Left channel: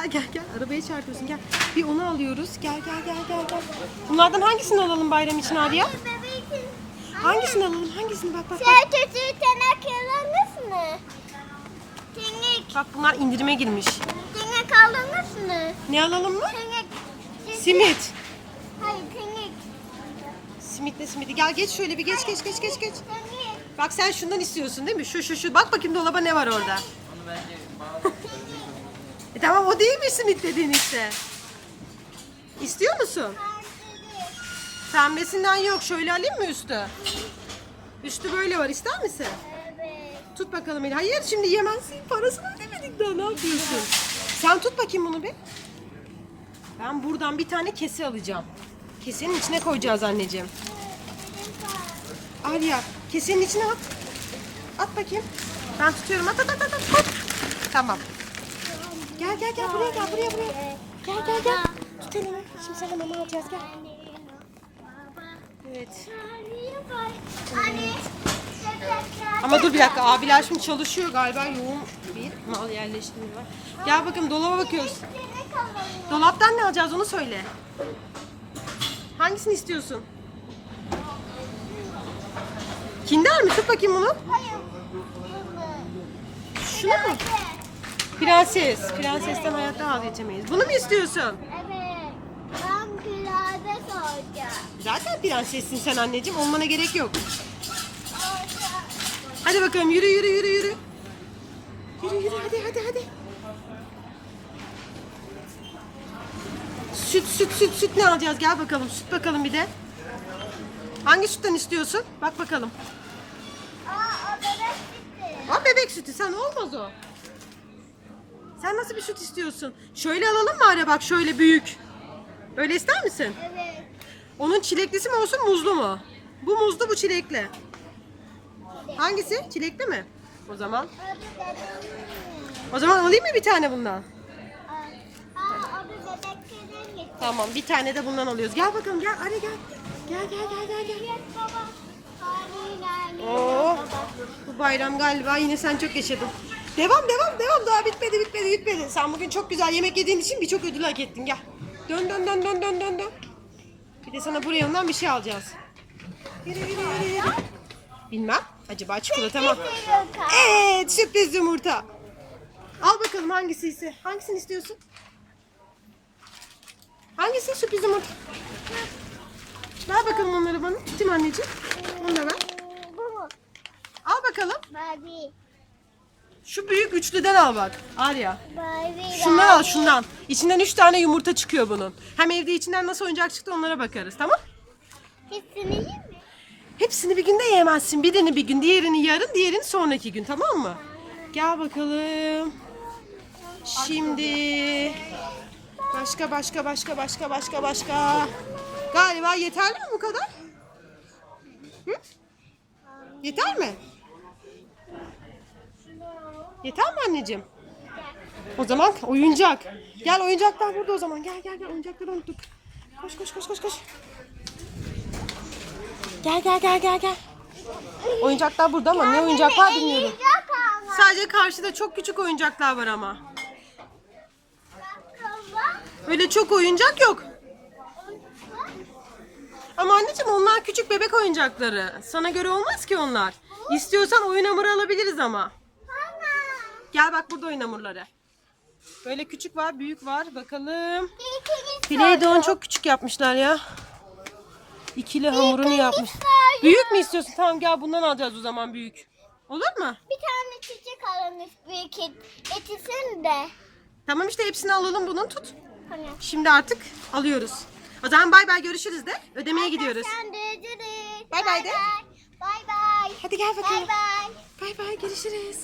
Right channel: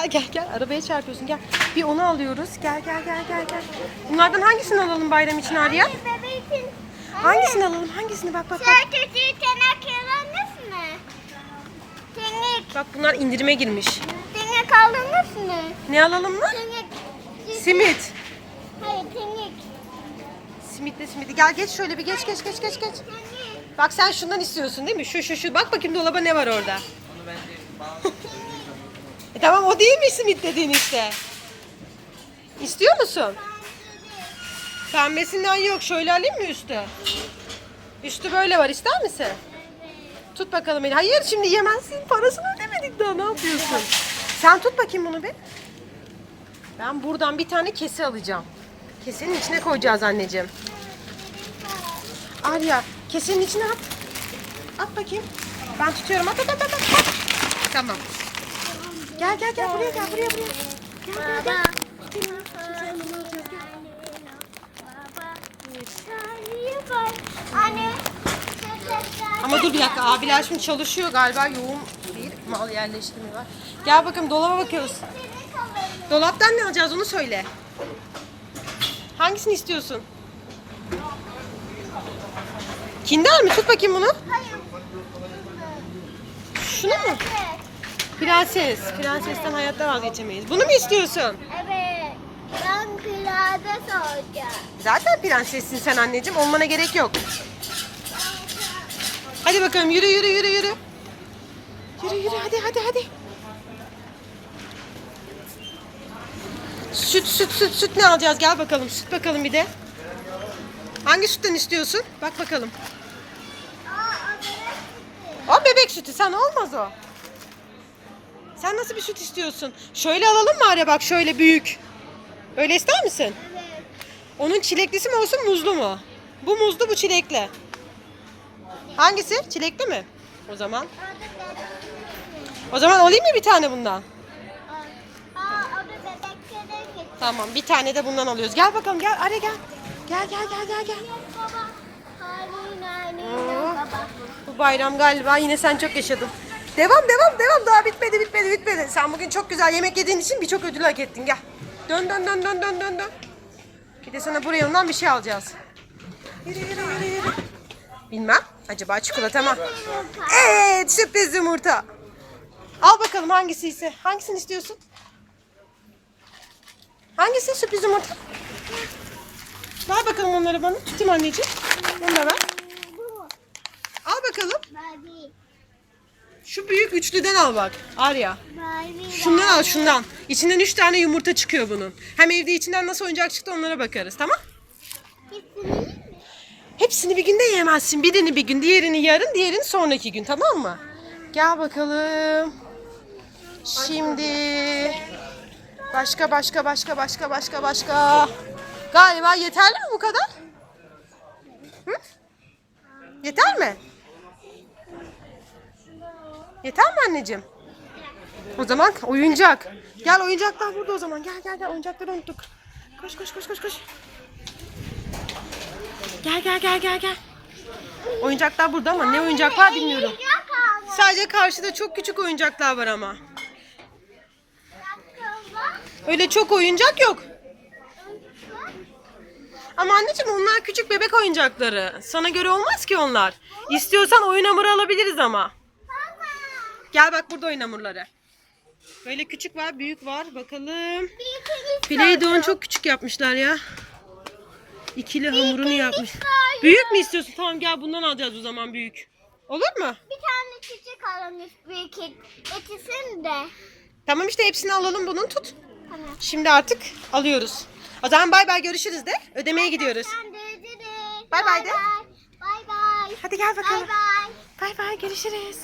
Gel gel gel. Arabaya çarpıyorsun gel. Bir onu alıyoruz. Gel gel gel gel gel. Bunlardan hangisini alalım bayram için Arya? Hangisini alalım? Hangisini bak bak bak. Sadece tırnak yalınız mı? Bak bunlar indirime girmiş. Tırnak aldınız mı? Ne alalım mı? Tırnak. Simit. Hayır tırnak. Simitle simidi. Gel geç şöyle bir geç geç geç geç geç. Bak sen şundan istiyorsun değil mi? Şu şu şu. Bak bakayım dolaba ne var orada. Onu bence E tamam o değil mi simit dediğin işte? İstiyor musun? Pembesinden yok. Şöyle alayım mı üstü? Üstü böyle var. İster misin? Evet. Tut bakalım eli. Hayır şimdi yemezsin. Parasını ödemedik daha. Ne yapıyorsun? Sen tut bakayım bunu bir. Ben buradan bir tane kese alacağım. Kesenin içine koyacağız anneciğim. Arya kesenin içine at. At bakayım. Ben tutuyorum. At at at at. at. Tamam. Gel gel gel buraya gel buraya buraya. Gel gel gel. Tut. Şimdi sana mama alacağız gel. Ama dur bir dakika abiler şimdi çalışıyor galiba yoğun bir mal yerleştirme var. Gel bakalım dolaba bakıyoruz. Dolaptan ne alacağız onu söyle. Hangisini istiyorsun? Kinder mi? Tut bakayım bunu. Şunu mu? Prenses. Prensesten hayatta vazgeçemeyiz. Bunu mu istiyorsun? Evet. Ben pilates olacağım. Zaten prensessin sen anneciğim. Olmana gerek yok. Hadi bakalım yürü yürü yürü yürü. Yürü yürü hadi hadi hadi. Süt süt süt süt ne alacağız? Gel bakalım süt bakalım bir de. Hangi sütten istiyorsun? Bak bakalım. Aa, o bebek gitti. O bebek sütü sana olmaz o. Sen nasıl bir süt istiyorsun? Şöyle alalım mı Arya bak şöyle büyük. Öyle ister misin? Evet. Onun çileklisi mi olsun muzlu mu? Bu muzlu bu çilekli. Hangisi? Çilekli mi? O zaman. O zaman alayım mı bir tane bundan? Tamam bir tane de bundan alıyoruz. Gel bakalım gel Arya gel. Gel gel gel gel gel. Oo. Bu bayram galiba yine sen çok yaşadın. Devam devam devam daha bitmedi bitmedi bitmedi. Sen bugün çok güzel yemek yediğin için birçok ödül hak ettin gel. Dön dön dön dön dön dön dön. Bir de sana buraya ondan bir şey alacağız. Yürü yürü yürü yürü. Bilmem. Acaba çikolata mı? Evet sürpriz yumurta. Al bakalım hangisi ise. Hangisini istiyorsun? Hangisi sürpriz yumurta? Ver bakalım onları bana. Tutayım anneciğim. Onu da ver. Al bakalım. Barbie. Şu büyük üçlüden al bak. Arya. Şundan al şundan. İçinden üç tane yumurta çıkıyor bunun. Hem evde içinden nasıl oyuncak çıktı onlara bakarız tamam? Hepsini yiyeyim mi? Hepsini bir günde yemezsin. Birini bir gün, diğerini yarın, diğerini sonraki gün tamam mı? Gel bakalım. Şimdi başka başka başka başka başka başka. Galiba yeterli mi bu kadar? Hı? Yeter mi? Yeter mi anneciğim? O zaman oyuncak. Gel oyuncaklar burada o zaman. Gel gel gel oyuncakları unuttuk. Koş koş koş koş koş. Gel gel gel gel gel. Oyuncaklar burada ama ne oyuncaklar bilmiyorum. Sadece karşıda çok küçük oyuncaklar var ama. Öyle çok oyuncak yok. Ama anneciğim onlar küçük bebek oyuncakları. Sana göre olmaz ki onlar. İstiyorsan oyun hamuru alabiliriz ama. Gel bak burada oyun hamurları. Böyle küçük var, büyük var. Bakalım. Play-Doh'un çok küçük yapmışlar ya. İkili hamurunu yapmış. Büyük mü istiyorsun? Tamam gel bundan alacağız o zaman büyük. Olur mu? Bir tane çiçek alınmış büyük etisini de. Tamam işte hepsini alalım bunun tut. Hani. Şimdi artık alıyoruz. O zaman bay bay görüşürüz de. Ödemeye gidiyoruz. Bay bay de. Bay bay. Hadi gel bakalım. Bay bay. Bay bay görüşürüz.